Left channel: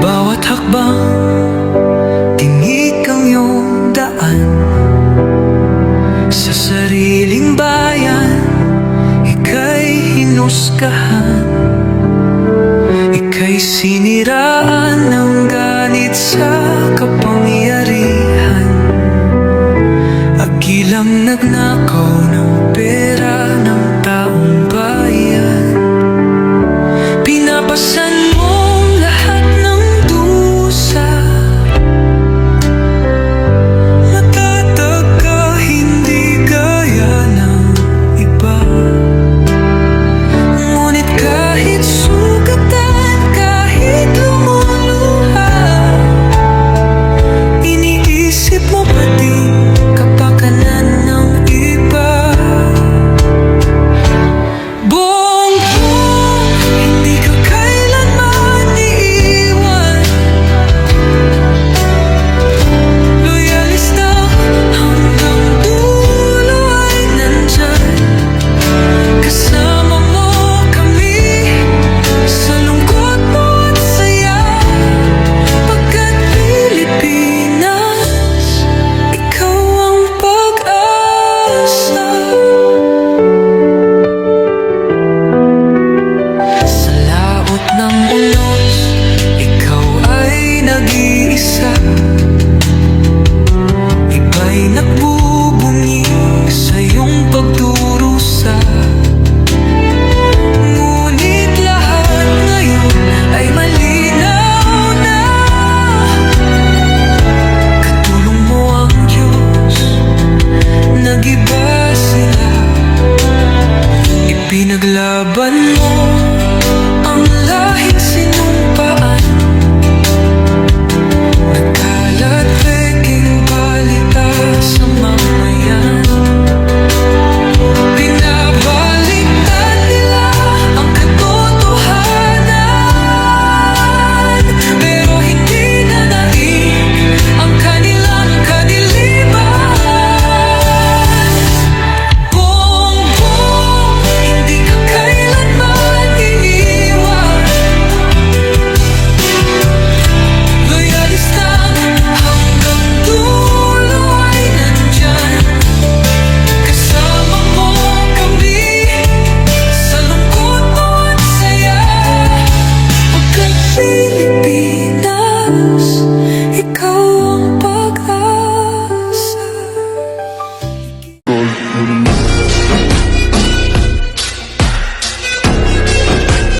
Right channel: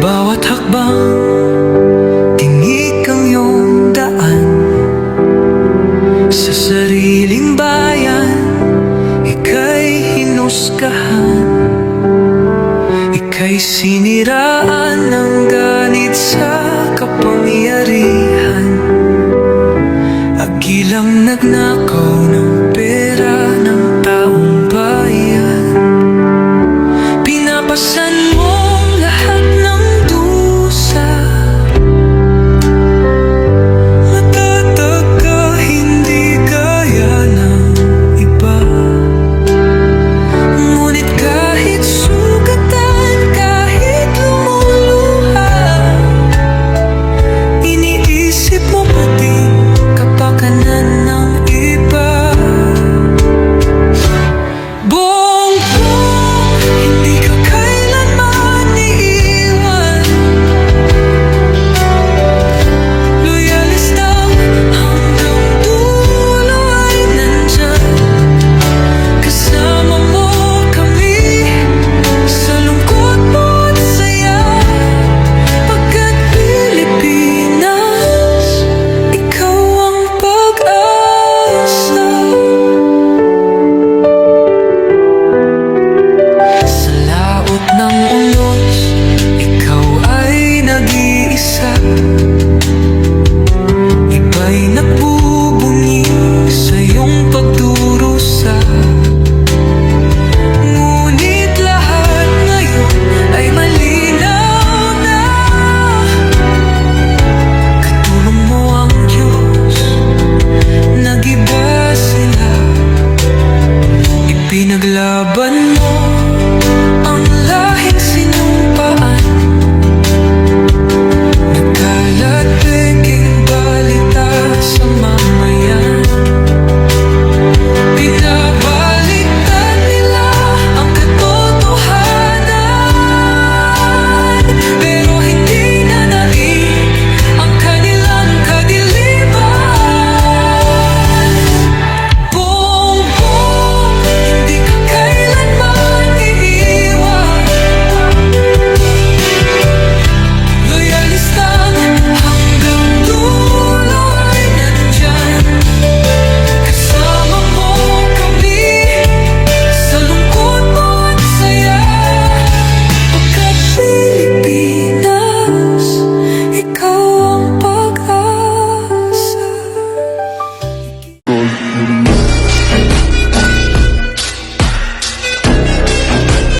Bawat hakbang, tinik ang iyong daan. Sa sariling bayan, ika'y hinusgahan. Ika'y siniraan ng ganit sa kapangyarihan. Agilang nagnakaw ng pera ng taong bayan. Pinapasan mong lahat ng dusa. Matatag ka, hindi gaya ng iba. Ngunit kahit sugatan, kahit lumuluha, iniisip mo pa din kapakanan ng iba. Bongbong, hindi ka kailanman iiwan. Loyalistang hanggang dulo ay nandyan. Kasama mo kami sa lungkot mo at saya. Pagkat Pilipinas, ikaw ang pag-asa. Sa laot ng unos, ikaw ay nag-iisa. Iba'y nagbubunyi sa iyong pagdurusa. Ngunit lahat ngayon ay malinaw na. Katulong mo ang Diyos, nag-iba sila. Ipinaglaban mo ang lahing sinumpaan. Nagkalat peking balita sa mamayan. Binabaliktad nila ang katotohanan, pero hindi na naig ang kanilang kadiliman. Bongbong, hindi ka kailanman iiwan. Loyalistang hanggang dulo ay nandyan. Kasama mo kami sa lungkot mo at saya. Pagkat Pilipinas, ikaw